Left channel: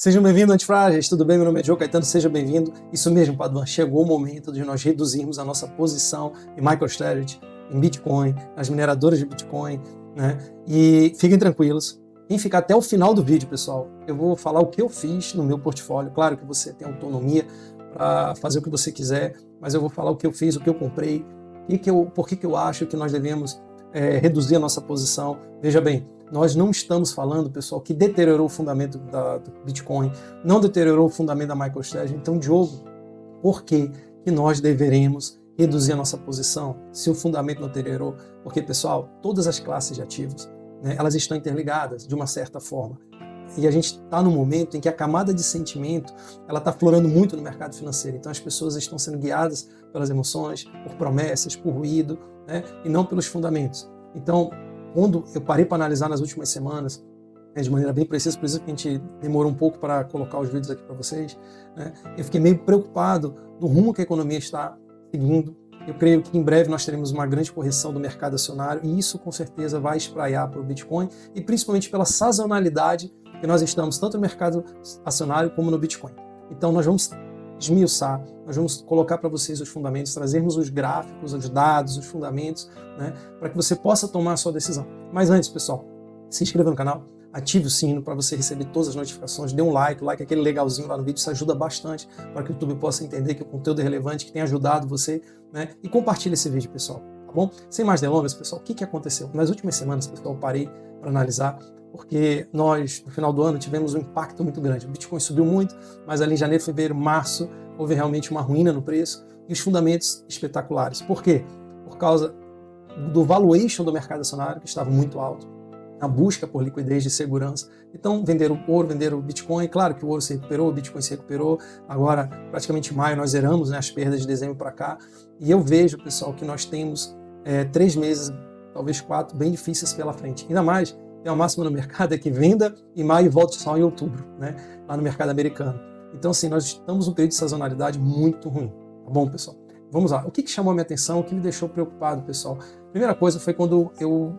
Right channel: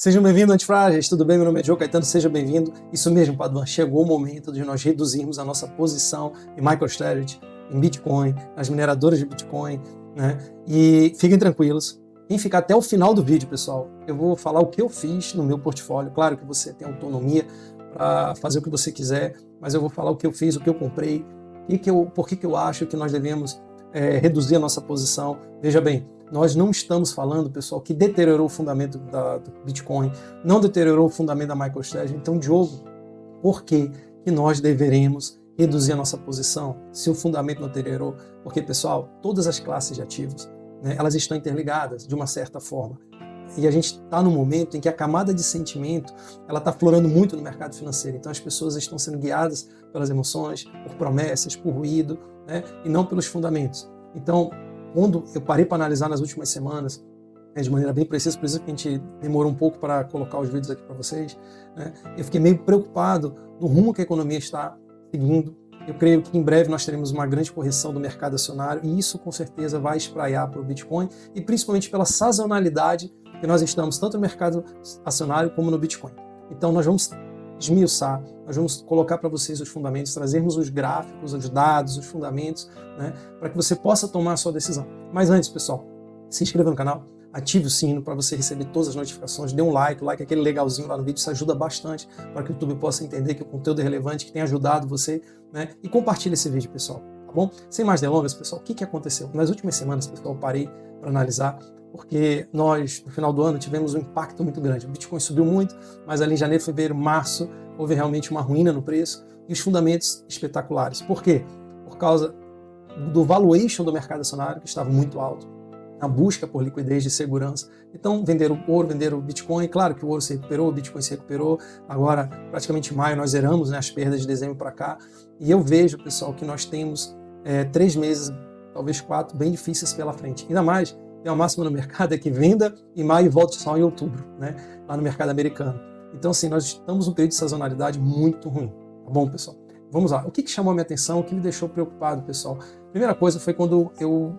Sejam bem-vindos, antifrágeis, tudo bem? Meu nome é Joe Caetano, seja bem-vindo. Isso mesmo, Paduan, chegou o momento de nós reduzirmos a nossa posição em MicroStrategy, em Bitcoin, nas mineradoras de Bitcoin, né? E fiquem tranquilos, quem ficar até o final do vídeo, pessoal, eu vou falar o que eu fiz no meu portfólio. Claro que você tem autonomia para fazer o que você quiser, mas eu vou falar o que eu fiz, o que eu comprei, por que eu acho que nós devemos reduzir a nossa posição. Veja bem, nós não estamos falando, pessoal, que deteriorou o fundamento do Bitcoin, não deteriorou o fundamento da MicroStrategy. Então, Diogo, por que nós deveremos reduzir a nossa posição se o fundamento não deteriorou? Porque, pessoal, todas as classes de ativos, né, elas estão interligadas de uma certa forma. E a gente está num momento em que a camada de sentimento ela está florando muito no mercado financeiro. Então, as pessoas estão sendo guiadas pelas emoções, por promessas, por ruído, né, e não pelos fundamentos. Então, quando eu parei para analisar nas últimas semanas, de maneira bem precisa, por isso que a gente demorou um pouco para colocar os vídeos aqui para vocês, né, eu fiquei meio preocupado no rumo que a economia está seguindo. Eu creio que em breve nós teremos uma grande correção do mercado acionário e isso com certeza vai espraiar para o Bitcoin e principalmente pela sazonalidade que nós estamos tanto no mercado acionário como no Bitcoin. Então nós vamos esmiuçar, nós vamos colocar para vocês os fundamentos, trazermos os gráficos, os dados, os fundamentos, né, para que você possa tomar a sua decisão. Mas antes, pessoal, se inscreva no canal, ative o sino para você receber todas as notificações, dê um like, aquele legalzinho lá no vídeo, isso ajuda bastante para que o YouTube possa entender que o conteúdo é relevante, que tem ajudado você, né, e compartilhe esse vídeo, pessoal, tá bom? Sem mais delongas, pessoal, o que aconteceu? Nas últimas semanas, pessoal, eu parei para analisar, porque nós, no final do ano, tivemos um impacto muito grande. O Bitcoin subiu muito, mas ali em janeiro, fevereiro, março, houve realmente uma ruína no preço e os fundamentos espetaculares. Por quê? Por causa do valuation do mercado acionário, que estava muito alto, a busca por liquidez de segurança. Então, venderam ouro, venderam Bitcoin. Claro que o ouro se recuperou, o Bitcoin se recuperou. Agora, praticamente em maio, nós zeramos, né, as perdas de dezembro para cá. E eu vejo, pessoal, que nós temos 3 meses, talvez 4, bem difíceis pela frente. Ainda mais, a máxima no mercado é que venda em maio e volte só em outubro, né, lá no mercado americano. Então, assim, nós estamos num período de sazonalidade muito ruim. Tá bom, pessoal? Vamos lá. O que chamou a minha atenção, o que me deixou preocupado, pessoal? Primeira coisa foi quando eu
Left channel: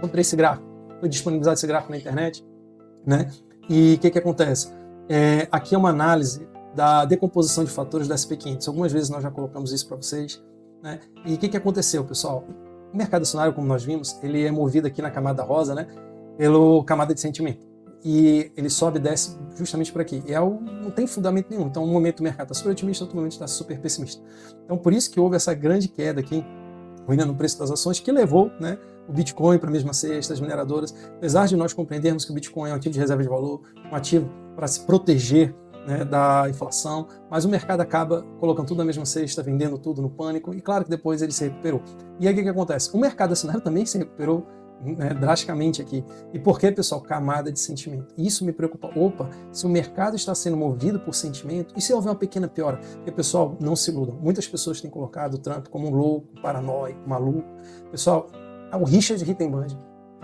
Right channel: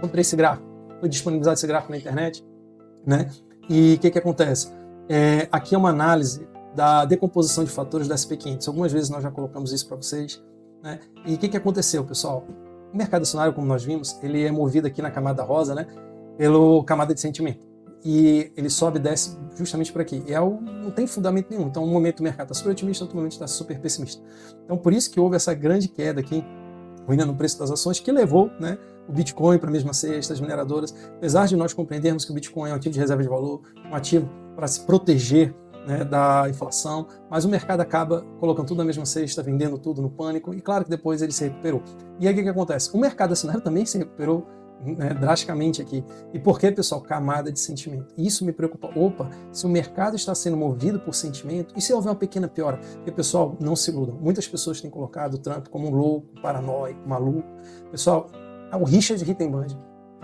comprei esse gráfico. Foi disponibilizado esse gráfico na internet, né? E o que acontece? Aqui é uma análise da decomposição de fatores da SP500. Algumas vezes nós já colocamos isso para vocês, né? E o que aconteceu, pessoal? O mercado acionário, como nós vimos, ele é movido aqui na camada rosa, né, pela camada de sentimento. E ele sobe e desce justamente por aqui. E não tem fundamento nenhum. Então, um momento o mercado está super otimista, outro momento está super pessimista. Então, por isso que houve essa grande queda aqui, ainda no preço das ações, que levou, né, o Bitcoin para a mesma cesta, as mineradoras. Apesar de nós compreendermos que o Bitcoin é um ativo de reserva de valor, um ativo para se proteger, né, da inflação, mas o mercado acaba colocando tudo na mesma cesta, vendendo tudo no pânico, e claro que depois ele se recuperou. E aí o que acontece? O mercado acionário também se recuperou, né, drasticamente aqui. E por que, pessoal? Camada de sentimento. Isso me preocupa. Opa, se o mercado está sendo movido por sentimento, e se houver uma pequena piora? Porque, pessoal, não se iludam. Muitas pessoas têm colocado o Trump como um louco, um paranoico, um maluco. Pessoal, o Richard Rittenband,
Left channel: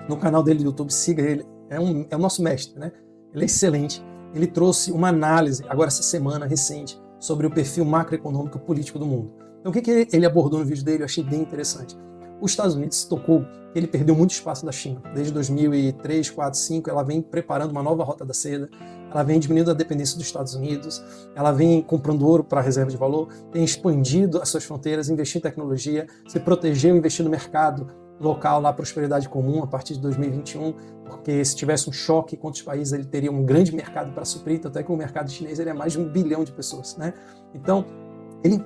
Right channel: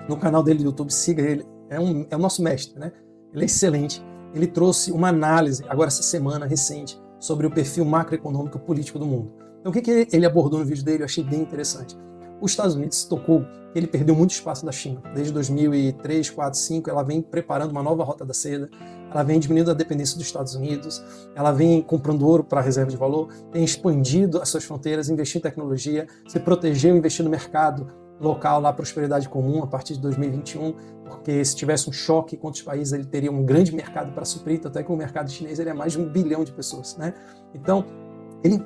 no canal dele do YouTube, siga ele, é o nosso mestre, né? Ele é excelente. Ele trouxe uma análise, agora essa semana, recente, sobre o perfil macroeconômico político do mundo. Então, o que ele abordou no vídeo dele, eu achei bem interessante. Os Estados Unidos se tocou que ele perdeu muito espaço da China. Desde 2003, 4, 5, ela vem preparando uma nova rota da seda, ela vem diminuindo a dependência dos Estados Unidos, ela vem comprando ouro para reserva de valor, tem expandido as suas fronteiras, investir em tecnologia, se protegeu, investir no mercado local, lá, prosperidade comum, a partir de 2021, porque se tivesse um choque com outros países, ele teria um grande mercado para suprir, até que o mercado chinês ele é mais de 1 bilhão de pessoas, né? Então, ele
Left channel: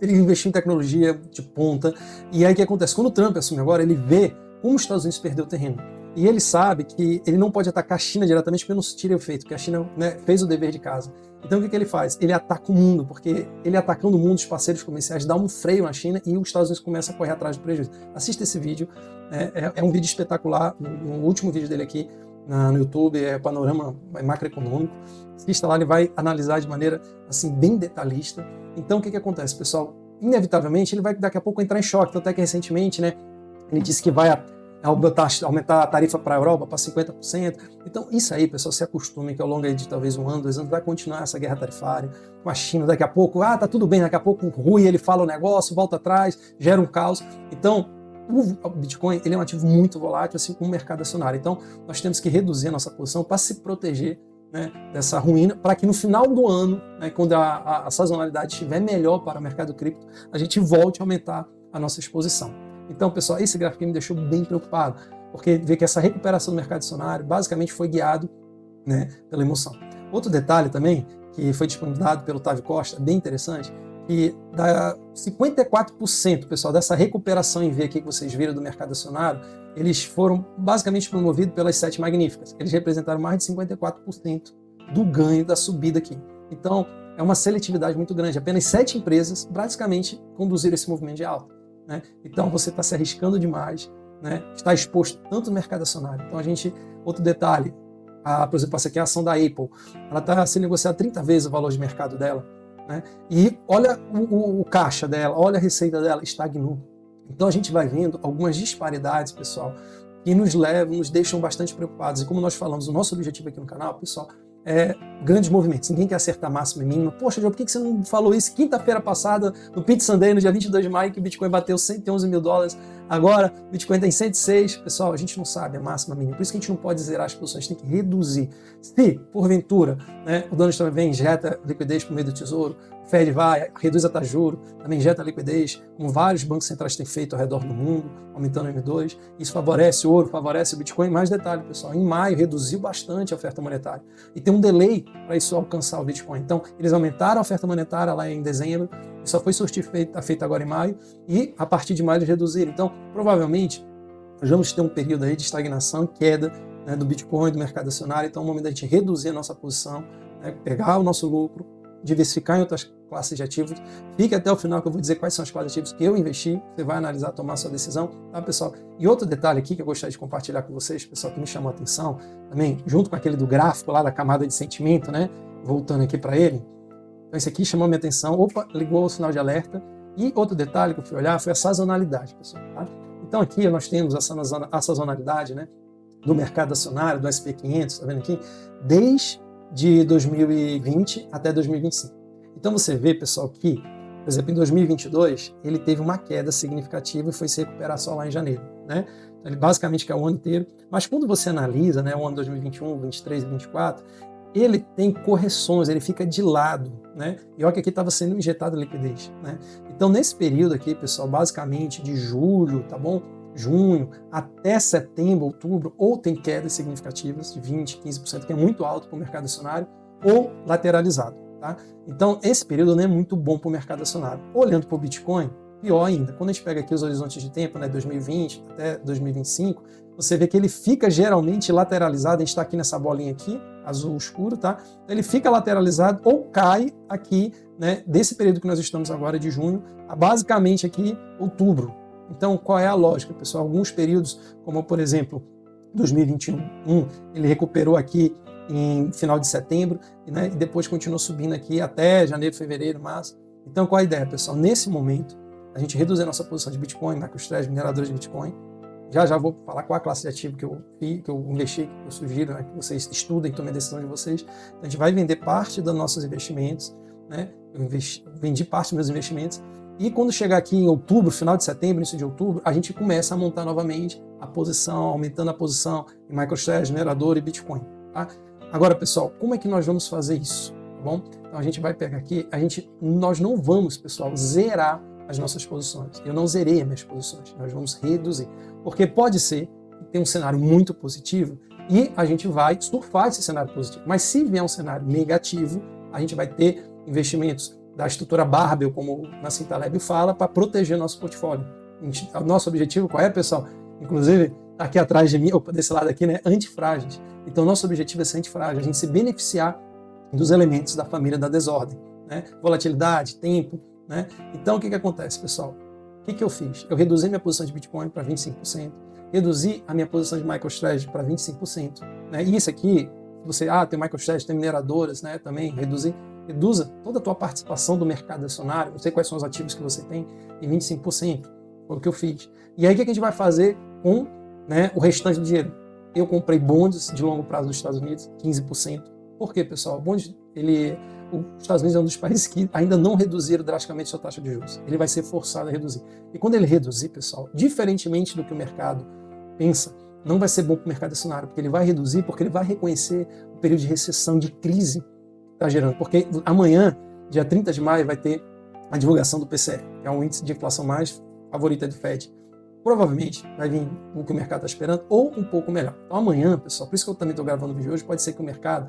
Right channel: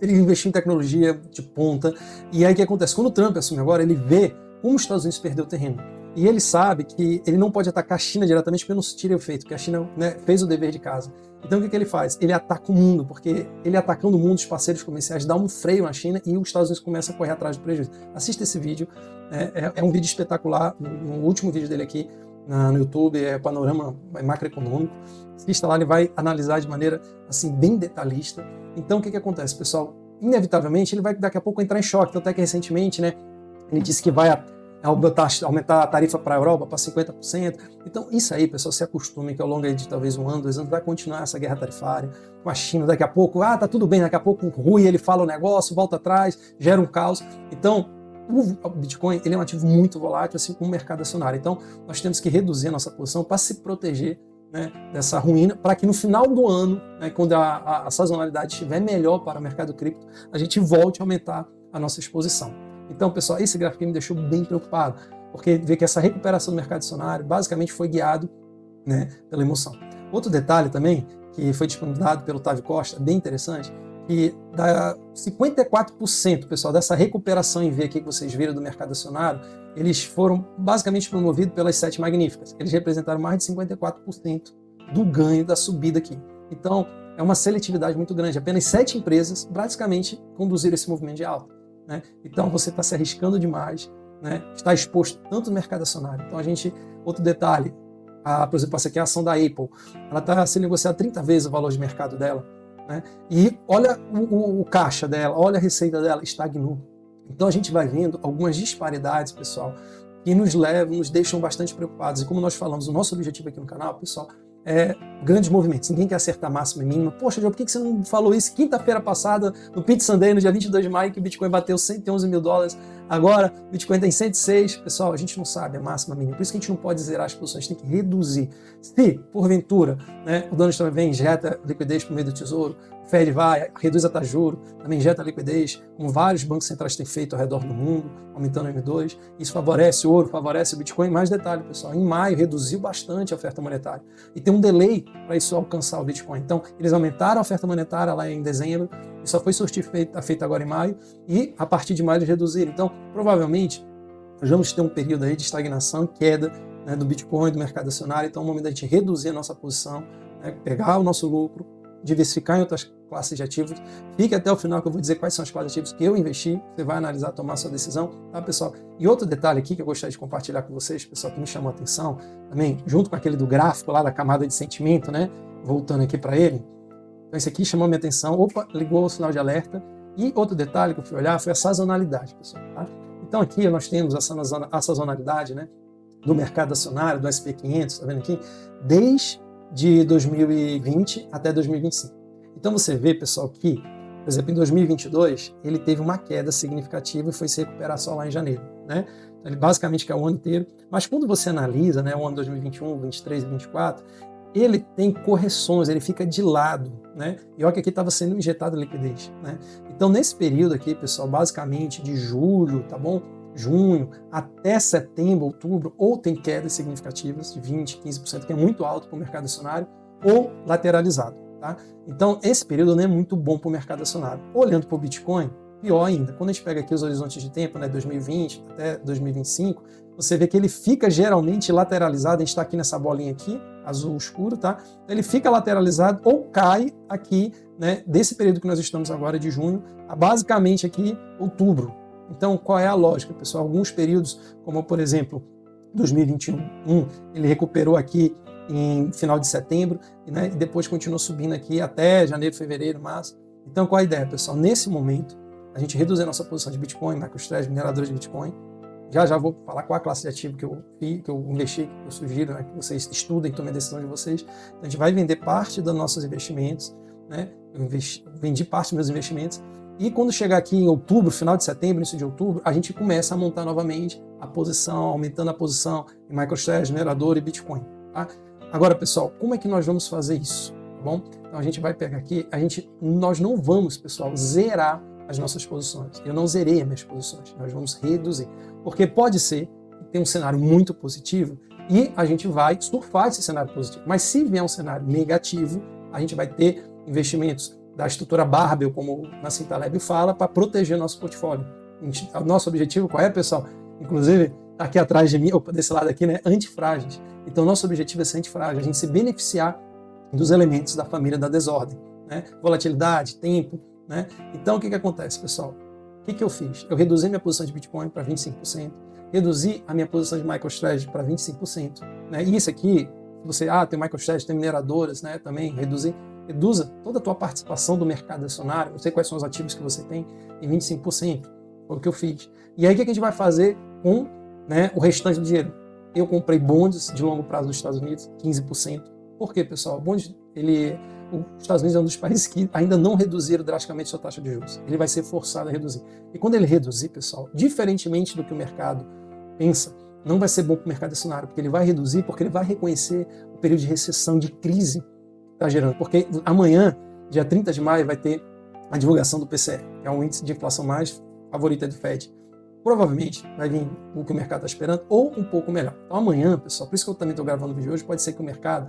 investiu em tecnologia de ponta, e aí o que acontece? Quando o Trump assume agora, ele vê como os Estados Unidos perdeu o terreno, e ele sabe que ele não pode atacar a China diretamente porque não se tira o efeito, porque a China, né, fez o dever de casa. Então o que ele faz? Ele ataca o mundo, porque ele atacando o mundo, os parceiros comerciais dá um freio na China e os Estados Unidos começam a correr atrás do prejuízo. Assista esse vídeo, é um vídeo espetacular, no último vídeo dele aqui no YouTube, é Panorama Macroeconômico. Assista lá, ele vai analisar de maneira assim, bem detalhista. Então o que acontece, pessoal? Inevitavelmente ele vai daqui a pouco entrar em choque, porque até recentemente, né, ele disse que vai aumentar a tarifa para a Europa para 50%. Então, isso aí, pessoal, se acostumem que ao longo de talvez 1 ano, 2 anos, vai continuar essa guerra tarifária com a China. Daqui a pouco, tá tudo bem, daqui a pouco o Rui, ele fala o negócio, volta atrás, gera um caos. Então, o Bitcoin ele é um ativo muito volátil, assim como o mercado acionário. Então, nós temos que reduzir a nossa posição para se proteger né, dessa ruína, para que no final do ano, né, quando a sazonalidade estiver melhor para o mercado cripto, a gente volte a aumentar a nossa exposição. Então, pessoal, esse gráfico me deixou bem preocupado, porque vê que essa recuperação do mercado acionário basicamente foi guiado, né, pela emoção. Outro detalhe também, que foi disponibilizado pelo Otávio Costa, é bem interessante, que dá 54%, pessoal, dessa recuperação em V aqui que vocês viram do mercado acionário, eles foram basicamente promovidos pelas 7 magníficas. Eles representaram mais de 54% do ganho da subida aqui. Então, é uma seletividade muito grande. Apenas 7 empresas, basicamente, conduziram esse movimento de alta, né? Então, você está se arriscando demais, né? Está exposto tanto no mercado acionário. Então, outro detalhe, por exemplo, essa aqui é a ação da Apple. Ela está sendo negociada 30 vezes o valor de mercado dela, né? E olha o caixa dela, olha a receita dela, estagnou. Então a gente vai vendo algumas disparidades, pessoal, que nos deixam bastante preocupados. E como nós falamos, o nosso objetivo aqui no canal, pessoal, é grandes movimentos. Ninguém quer acertar máxima e mínima. Poxa, João, por que você não falou isso quinta-feira passada, no Pit Sunday, no dia 22 de maio, que o Bitcoin bateu $111 mil? Agora, o Bitcoin está em 106. Pessoal, a gente não sabe a máxima e mínima. Por isso que a gente não pode zerar as posições, tem que reduzir. Se, porventura, né, o Donald Trump vem, injeta liquidez por meio do Tesouro, o Fed vai, reduz a taxa de juros, também injeta liquidez, como vários bancos centrais têm feito ao redor do mundo, aumentando o M2. Isso favorece o ouro, favorece o Bitcoin. Mais detalhe, pessoal, em maio reduziu bastante a oferta monetária. E tem um delay para isso alcançar o Bitcoin. Então, eles aumentaram a oferta monetária lá em dezembro, só foi feito agora em maio, e a partir de maio eles reduziram. Então, provavelmente, nós vamos ter um período aí de estagnação e queda, né, do Bitcoin, do mercado acionário. Então, é o momento da gente reduzir a nossa posição, né, pegar o nosso lucro, diversificar em outras classes de ativos. Fique até o final que eu vou dizer quais são as classes de ativos que eu investi. Você vai analisar, tomar sua decisão, tá, pessoal? E outro detalhe aqui que eu gostaria de compartilhar com vocês, pessoal, que me chamou a atenção também, junto com aquele do gráfico lá da camada de sentimento, né? Voltando aqui para ele. Então, esse aqui chamou minha atenção. Opa, ligou o sinal de alerta. E outro detalhe que eu fui olhar foi a sazonalidade, pessoal. Tá? Então, aqui nós temos a sazonalidade, né, do mercado acionário, do SP500, tá vendo aqui? Desde 2020 até 2025. Então, você vê, pessoal, que, por exemplo, em 2022, ele teve uma queda significativa e foi se recuperar só lá em janeiro, né? Então, ele basicamente quer o ano inteiro. Mas quando você analisa, né, o ano 2021, 23 e 24, ele tem correções, ele fica de lado, né? E olha que aqui estava sendo injetado liquidez, né? Então, nesse período aqui, pessoal, basicamente de julho, tá bom? Junho até setembro, outubro, ou tem quedas significativas de 20%, 15%, que é muito alto para o mercado acionário, ou lateralizado, tá? Então, esse período não é muito bom para o mercado acionário. Olhando para o Bitcoin, pior ainda, quando a gente pega aqui os horizontes de tempo, né, 2020 até 2025, você vê que ele fica geralmente lateralizado. A gente está aqui nessa bolinha aqui, azul escuro, tá? Ele fica lateralizado ou cai aqui, né, desse período que nós estamos agora, de junho, a basicamente aqui outubro. Então, qual é a lógica, pessoal? Alguns períodos, como por exemplo, 2021, ele recuperou aqui em final de setembro, né, e depois continuou subindo aqui até janeiro, fevereiro, março. Então, qual a ideia, pessoal? Nesse momento, a gente reduz a nossa posição de Bitcoin, MicroStrategy, mineradores de Bitcoin. Já vou falar qual a classe de ativo que eu investi, que eu sugiro, né, que vocês estudem e tomem a decisão de vocês. Então, a gente vai vender parte dos nossos investimentos, né? Eu vendi parte dos meus investimentos. E quando chegar aqui em outubro, final de setembro, início de outubro, a gente começa a montar novamente a posição, aumentando a posição em MicroStrategy, minerador e Bitcoin, tá? Agora, pessoal, como é que nós vamos fazer isso? Tá bom? Então, a gente vai pegar aqui, nós não vamos, pessoal, zerar as nossas posições. Eu não zerei as minhas posições, nós vamos reduzir. Porque pode ser que tenha um cenário muito positivo e a gente vai surfar esse cenário positivo. Mas se vier um cenário negativo, a gente vai ter investimentos da estrutura Barbell, como o Nassim Taleb fala, para proteger nosso portfólio. O nosso objetivo qual é, pessoal? Inclusive, aqui atrás de mim, desse lado aqui, né, antifrágeis. Então, nosso objetivo é ser antifrágil, a gente se beneficiar dos elementos da família da desordem, né? Volatilidade, tempo, né? Então, o que acontece, pessoal? O que eu fiz? Eu reduzi minha posição de Bitcoin para 25%, reduzi a minha posição de MicroStrategy para 25%. Né? E isso aqui, você tem MicroStrategy, tem mineradoras, né? Também reduza toda a tua participação do mercado acionário, não sei quais são os ativos que você tem, em 25%, foi o que eu fiz. E aí o que a gente vai fazer com, né, o restante do dinheiro? Eu comprei bonds de longo prazo dos Estados Unidos, 15%. Por quê, pessoal? Bonds, os Estados Unidos é um dos países que ainda não reduziram drasticamente sua taxa de juros. Ele vai ser forçado a reduzir. E quando ele reduzir, pessoal, diferentemente do que o mercado pensa, não vai ser bom para o mercado acionário, porque ele vai reduzir, porque ele vai reconhecer período de recessão, de crise, está gerando. Porque amanhã, dia 30 de maio, vai ter a divulgação do PCE, que é o índice de inflação mais favorito do FED. Provavelmente vai vir o que o mercado está esperando ou um pouco melhor. Então amanhã, pessoal, por isso que eu também estou gravando o vídeo hoje, pode ser que o mercado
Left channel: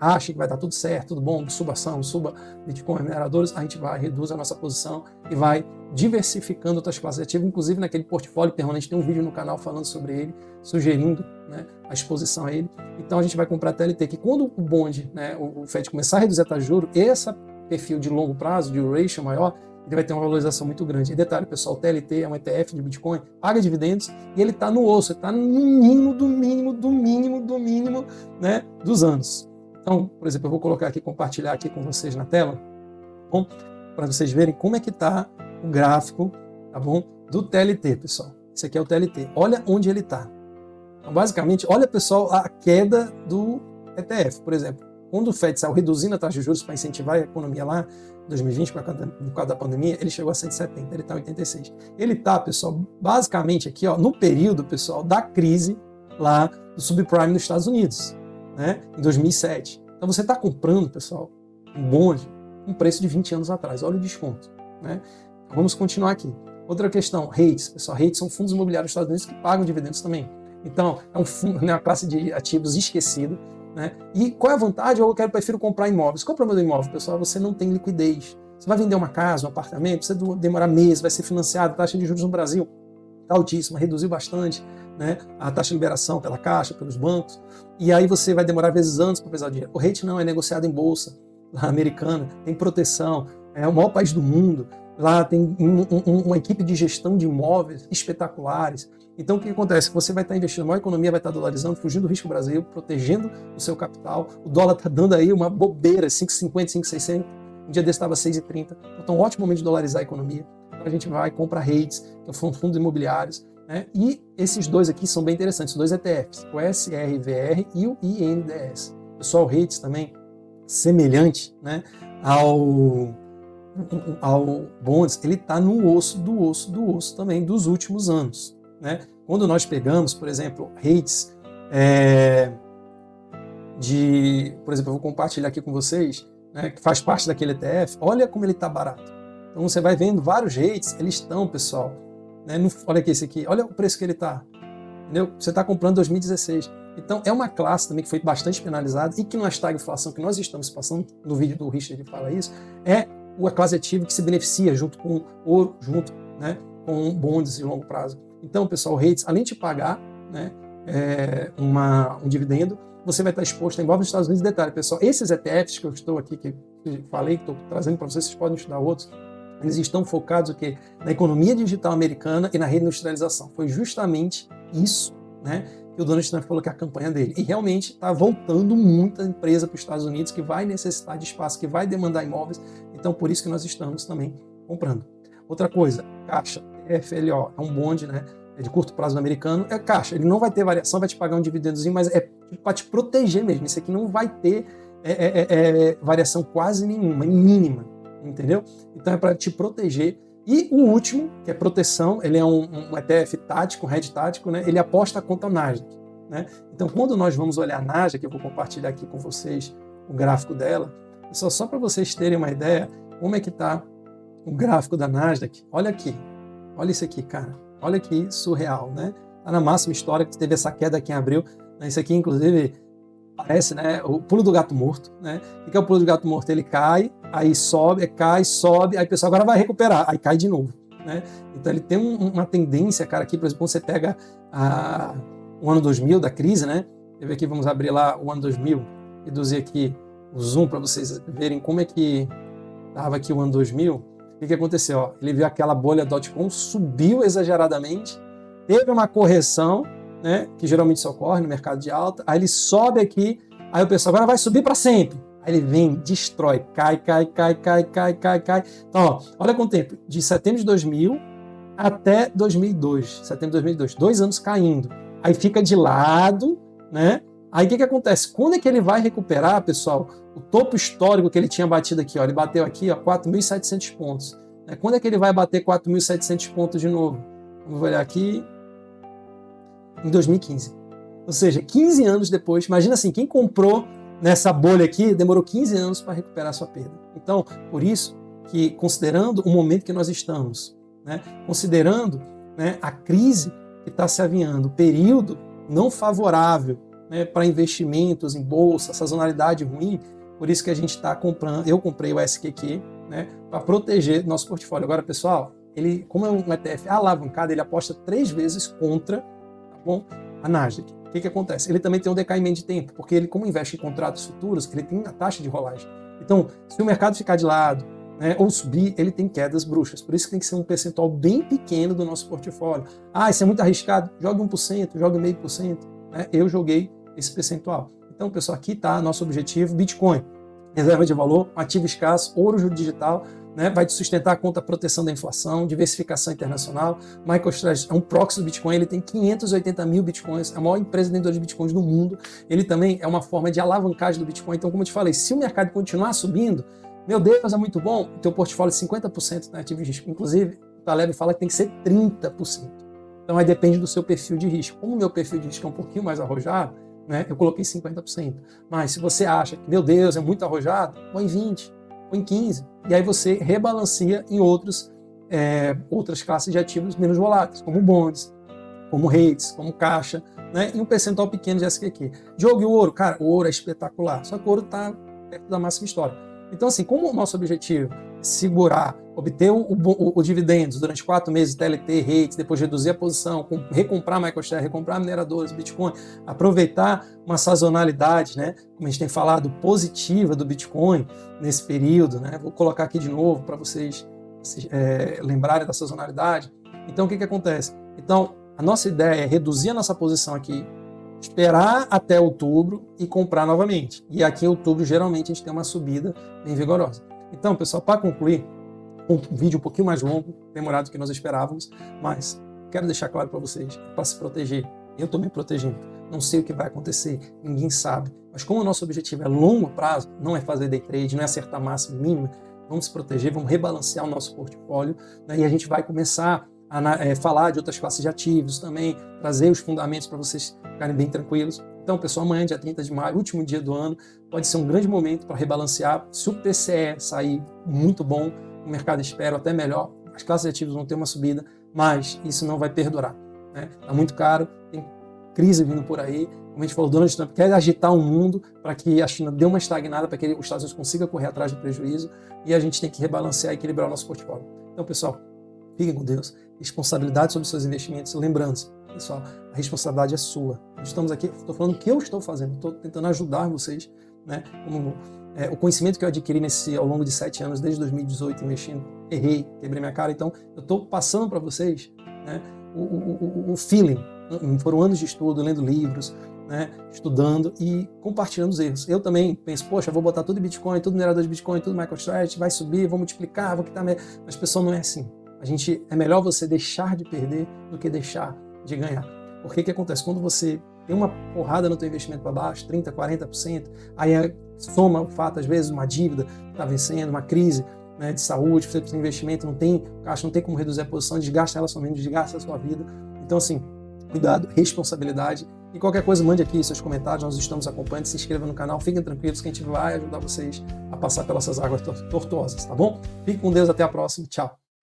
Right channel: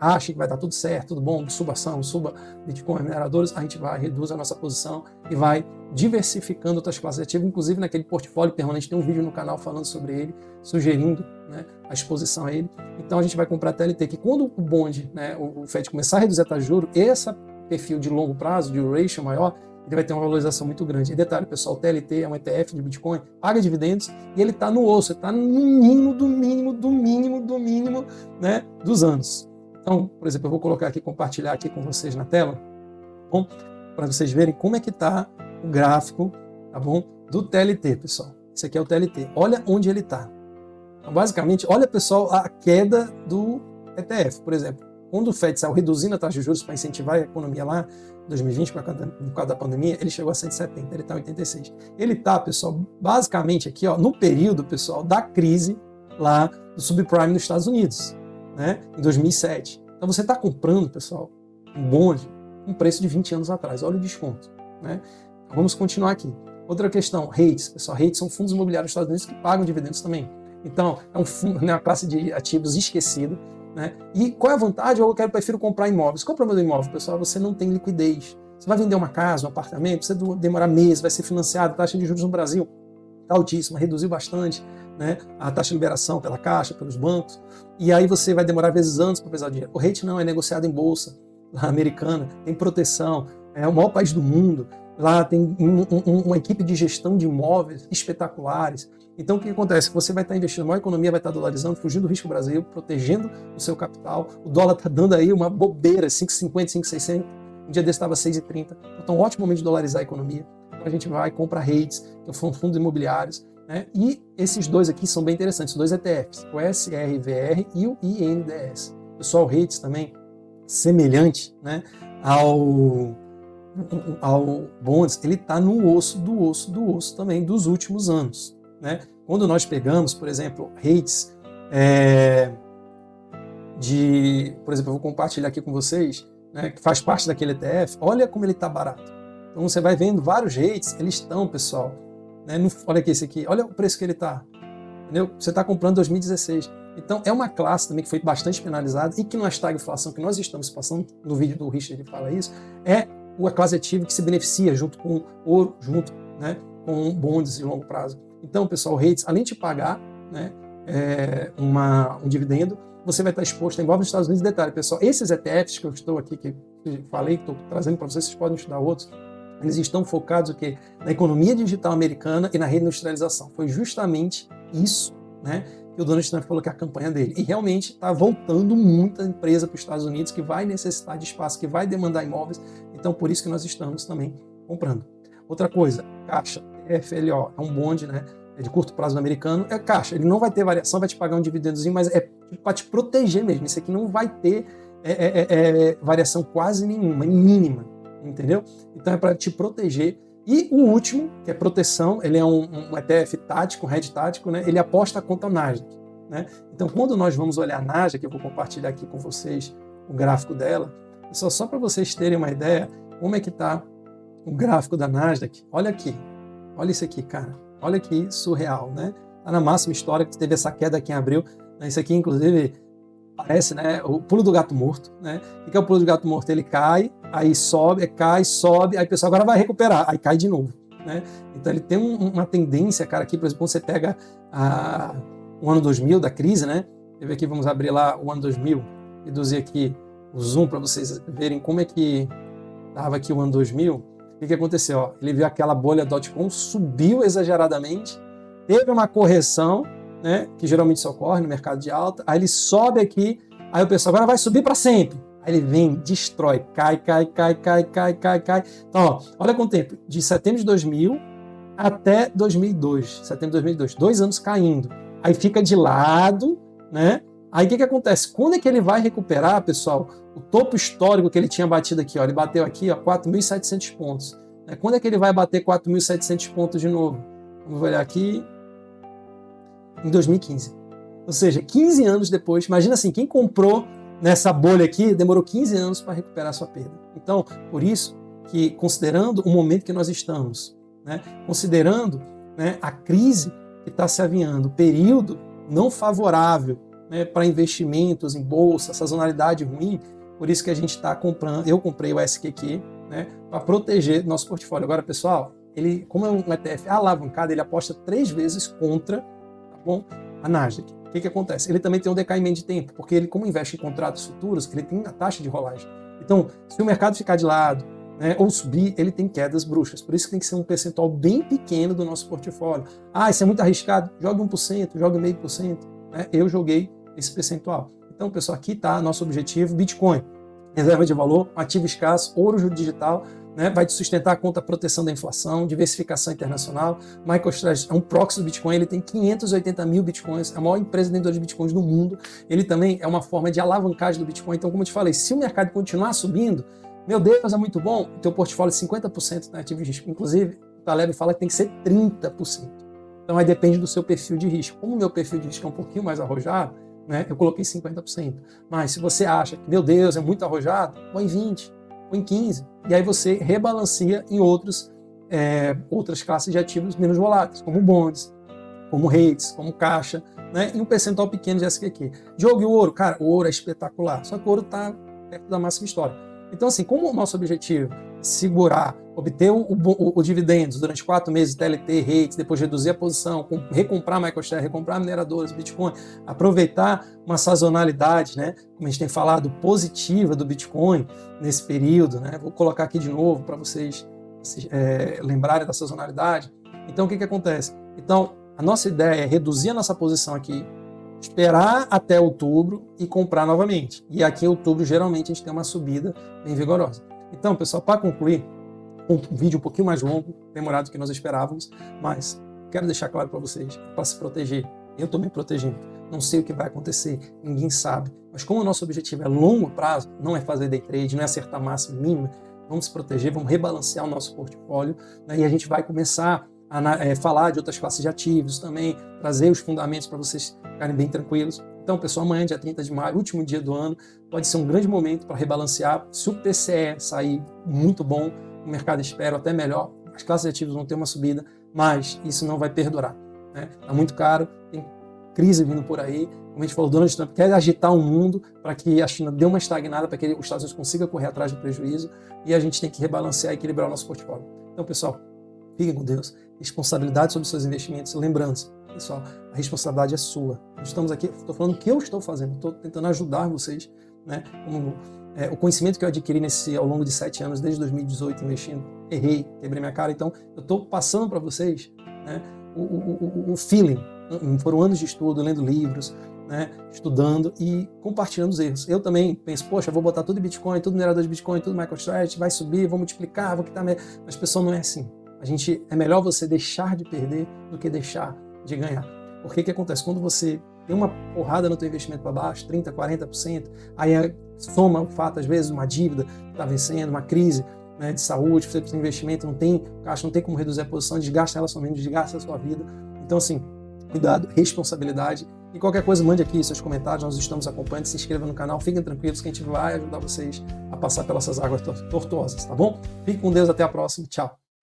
ache que vai dar tudo certo, tudo bom, suba ação, suba Bitcoin, mineradores, a gente vai, reduz a nossa posição e vai diversificando outras classes de ativo, inclusive naquele portfólio permanente, tem um vídeo no canal falando sobre ele, sugerindo, né, a exposição a ele. Então a gente vai comprar TLT, que quando o bond, né, o FED começar a reduzir a taxa de juros, esse perfil de longo prazo, de duration maior, ele vai ter uma valorização muito grande. E detalhe, pessoal, o TLT é um ETF de Bitcoin, paga dividendos e ele está no osso, ele está no mínimo do mínimo do mínimo do mínimo, né, dos anos. Então, por exemplo, eu vou colocar aqui, compartilhar aqui com vocês na tela, bom, para vocês verem como é que está o gráfico, tá bom, do TLT, pessoal. Esse aqui é o TLT. Olha onde ele está. Então, basicamente, olha, pessoal, a queda do ETF. Por exemplo, quando o FED saiu reduzindo a taxa de juros para incentivar a economia lá, em 2020, por causa da pandemia, ele chegou a 170, ele está em 86. Ele está, pessoal, basicamente aqui, ó, no período, pessoal, da crise lá do subprime nos Estados Unidos, né, em 2007. Então você está comprando, pessoal, um bonde com preço de 20 anos atrás. Olha o desconto, né? Então, vamos continuar aqui. Outra questão, REITs. Pessoal, REITs são fundos imobiliários dos Estados Unidos que pagam dividendos também. Então, é um fundo, né, uma classe de ativos esquecida, né? E qual é a vantagem? Eu prefiro comprar imóveis. Qual é o problema do imóvel, pessoal? Você não tem liquidez. Você vai vender uma casa, um apartamento, precisa demorar meses, vai ser financiado, a taxa de juros no Brasil está altíssima, reduziu bastante, né, a taxa de liberação pela Caixa, pelos bancos, e aí você vai demorar vezes anos para pesar o dinheiro. O REIT não é negociado em bolsa americana, tem proteção, é o maior país do mundo, lá tem uma equipe de gestão de imóveis espetaculares. Então o que acontece? Você vai estar investindo, a maior economia vai estar dolarizando, fugindo do risco Brasil, protegendo o seu capital, o dólar está dando aí uma bobeira, 5,50, 5,60, um dia desse estava 6,30, então um ótimo momento de dolarizar a economia. Então a gente vai, compra REITs, que são fundos imobiliários, né? E esses dois aqui são bem interessantes, dois ETFs, o SRVR e o INDS. Pessoal, REITs também, semelhante, né, ao bonds, ele está no osso também dos últimos anos, né? Quando nós pegamos, por exemplo, REITs, por exemplo, eu vou compartilhar aqui com vocês, né, que faz parte daquele ETF, olha como ele está barato. Então você vai vendo vários REITs, eles estão, pessoal, né, olha aqui esse aqui, olha o preço que ele está. Você está comprando em 2016. Então é uma classe também que foi bastante penalizada e que não está em inflação, que nós estamos passando, no vídeo do Richard ele fala isso, é uma classe ativa que se beneficia junto com ouro, junto, né, com bondes de longo prazo. Então, pessoal, o REITs, além de pagar, né, um dividendo, você vai estar exposto a imóveis dos Estados Unidos. Detalhe, pessoal, esses ETFs que eu estou aqui, que eu falei, que estou trazendo para vocês podem estudar outros, eles estão focados aqui na economia digital americana e na reindustrialização. Foi justamente isso, né, que o Donald Trump falou que é a campanha dele. E realmente está voltando muita empresa para os Estados Unidos que vai necessitar de espaço, que vai demandar imóveis. Então, por isso que nós estamos também comprando. Outra coisa, Caixa, FLO, é um bonde, né, é de curto prazo americano, é Caixa. Ele não vai ter variação, vai te pagar um dividendozinho, mas é para te proteger mesmo. Isso aqui não vai ter variação quase nenhuma, mínima, entendeu? Então é para te proteger. E o último, que é proteção, ele é um ETF tático, um hedge tático, né? Ele aposta contra o Nasdaq, né? Então quando nós vamos olhar a Nasdaq, eu vou compartilhar aqui com vocês o gráfico dela, só para vocês terem uma ideia como é que está o gráfico da Nasdaq. Olha aqui, olha isso aqui, cara. Olha que surreal, né? Está na máxima histórica, teve essa queda aqui em abril. Isso aqui, inclusive, parece, né, o pulo do gato morto, né? O que é o pulo do gato morto? Ele cai, aí sobe, cai, sobe, aí o pessoal agora vai recuperar, aí cai de novo, né? Então ele tem uma tendência, cara, aqui, por exemplo, você pega o ano 2000 da crise, né? Aqui, vamos abrir lá o ano 2000, reduzir aqui o zoom para vocês verem como é que estava aqui o ano 2000. O que aconteceu? Ó, ele viu aquela bolha .com, subiu exageradamente, teve uma correção, né, que geralmente isso ocorre no mercado de alta, aí ele sobe aqui, aí o pessoal agora vai subir para sempre. Aí ele vem, destrói, cai. Então, ó, olha quanto tempo, de setembro de 2000 até 2002, setembro de 2002, 2 anos caindo. Aí fica de lado, né? Aí o que acontece? Quando é que ele vai recuperar, pessoal? O topo histórico que ele tinha batido aqui, ó, ele bateu aqui, ó, 4.700 pontos. Quando é que ele vai bater 4.700 pontos de novo? Vamos olhar aqui. Em 2015. Ou seja, 15 anos depois, imagina assim, quem comprou nessa bolha aqui, demorou 15 anos para recuperar sua perda. Então, por isso que, considerando o momento que nós estamos, né, considerando, né, a crise que está se aviando, período não favorável, né, para investimentos em bolsa, sazonalidade ruim, por isso que a gente está comprando, eu comprei o SQQ, né, para proteger nosso portfólio. Agora, pessoal, ele, como é um ETF alavancado, ele aposta 3 vezes contra, tá bom, a Nasdaq. O que acontece? Ele também tem um decaimento de tempo, porque ele, como investe em contratos futuros, ele tem a taxa de rolagem. Então, se o mercado ficar de lado, né, ou subir, ele tem quedas bruxas. Por isso que tem que ser um percentual bem pequeno do nosso portfólio. Ah, isso é muito arriscado. Jogue 1%, jogue 0,5%. Né? Eu joguei esse percentual. Então, pessoal, aqui está nosso objetivo. Bitcoin, reserva de valor, ativo escasso, ouro digital, né? Vai te sustentar contra a proteção da inflação, diversificação internacional. MicroStrategy é um proxy do Bitcoin, ele tem 580 mil Bitcoins, a maior empresa vendedora de Bitcoins do mundo. Ele também é uma forma de alavancagem do Bitcoin. Então, como eu te falei, se o mercado continuar subindo, meu Deus, é muito bom, o teu portfólio é 50% na ativo de risco. Inclusive, o Taleb fala que tem que ser 30%. Então, aí depende do seu perfil de risco. Como o meu perfil de risco é um pouquinho mais arrojado, né, eu coloquei 50%. Mas se você acha que, meu Deus, é muito arrojado, põe 20%, põe 15%. E aí você rebalanceia em outras classes de ativos menos voláteis, como bonds, como REITs, como caixa, né, e um percentual pequeno de SQQ. Jogo e o ouro, cara, o ouro é espetacular, só que o ouro está perto da máxima histórica. Então, assim, como o nosso objetivo é segurar, obter o dividendos durante 4 meses, TLT, REITs, depois reduzir a posição, recomprar MicroStrategy, recomprar mineradores, Bitcoin, aproveitar uma sazonalidade, né, como a gente tem falado, positiva do Bitcoin nesse período, né, vou colocar aqui de novo para vocês lembrarem da sazonalidade. Então, o que acontece? Então, a nossa ideia é reduzir a nossa posição aqui, esperar até outubro e comprar novamente. E aqui em outubro, geralmente, a gente tem uma subida bem vigorosa. Então, pessoal, para concluir, um vídeo um pouquinho mais longo, demorado do que nós esperávamos, mas quero deixar claro para vocês, para se proteger. Eu estou me protegendo. Não sei o que vai acontecer, ninguém sabe. Mas como o nosso objetivo é longo prazo, não é fazer day trade, não é acertar máximo nível, vamos se proteger, vamos rebalancear o nosso portfólio. Aí a gente vai começar a falar de outras classes de ativos também, trazer os fundamentos para vocês ficarem bem tranquilos. Então, pessoal, amanhã, dia 30 de maio, último dia do ano, pode ser um grande momento para rebalancear. Se o PCE sair muito bom, o mercado espera até melhor, as classes de ativos vão ter uma subida, mas isso não vai perdurar. Está muito caro, tem crise vindo por aí. Como a gente falou, Donald Trump quer agitar o mundo para que a China dê uma estagnada, para que os Estados Unidos consiga correr atrás do prejuízo, e a gente tem que rebalancear e equilibrar o nosso portfólio. Então, pessoal, fiquem com Deus. Responsabilidade sobre os seus investimentos. Lembrando, pessoal, a responsabilidade é sua. Estamos aqui, estou falando o que eu estou fazendo, estou tentando ajudar vocês, né? O conhecimento que eu adquiri ao longo de 7 anos, desde 2018, eu errei, quebrei minha cara. Então, eu estou passando para vocês, né, o feeling. Foram anos de estudo, lendo livros, né, estudando e compartilhando os erros. Eu também penso, poxa, eu vou botar tudo em Bitcoin, tudo minerador de Bitcoin, tudo MicroStrategy, vai subir, vou multiplicar, vou quitar. Mas, pessoal, não é assim. É melhor você deixar de perder do que deixar de ganhar. Porque o que acontece? Quando você dá uma porrada no teu investimento para baixo, 30%, 40%, aí se for às vezes uma dívida, está vencendo, uma crise, né, de saúde, você tem investimento, não tem caixa, não tem como reduzir a posição, desgasta ela somente, desgasta a sua vida. Então, assim, cuidado, responsabilidade. E qualquer coisa, mande aqui seus comentários, nós estamos acompanhando, se inscreva no canal, fiquem tranquilos que a gente vai ajudar vocês a passar pelas águas tortuosas, tá bom? Fique com Deus, até a próxima, tchau!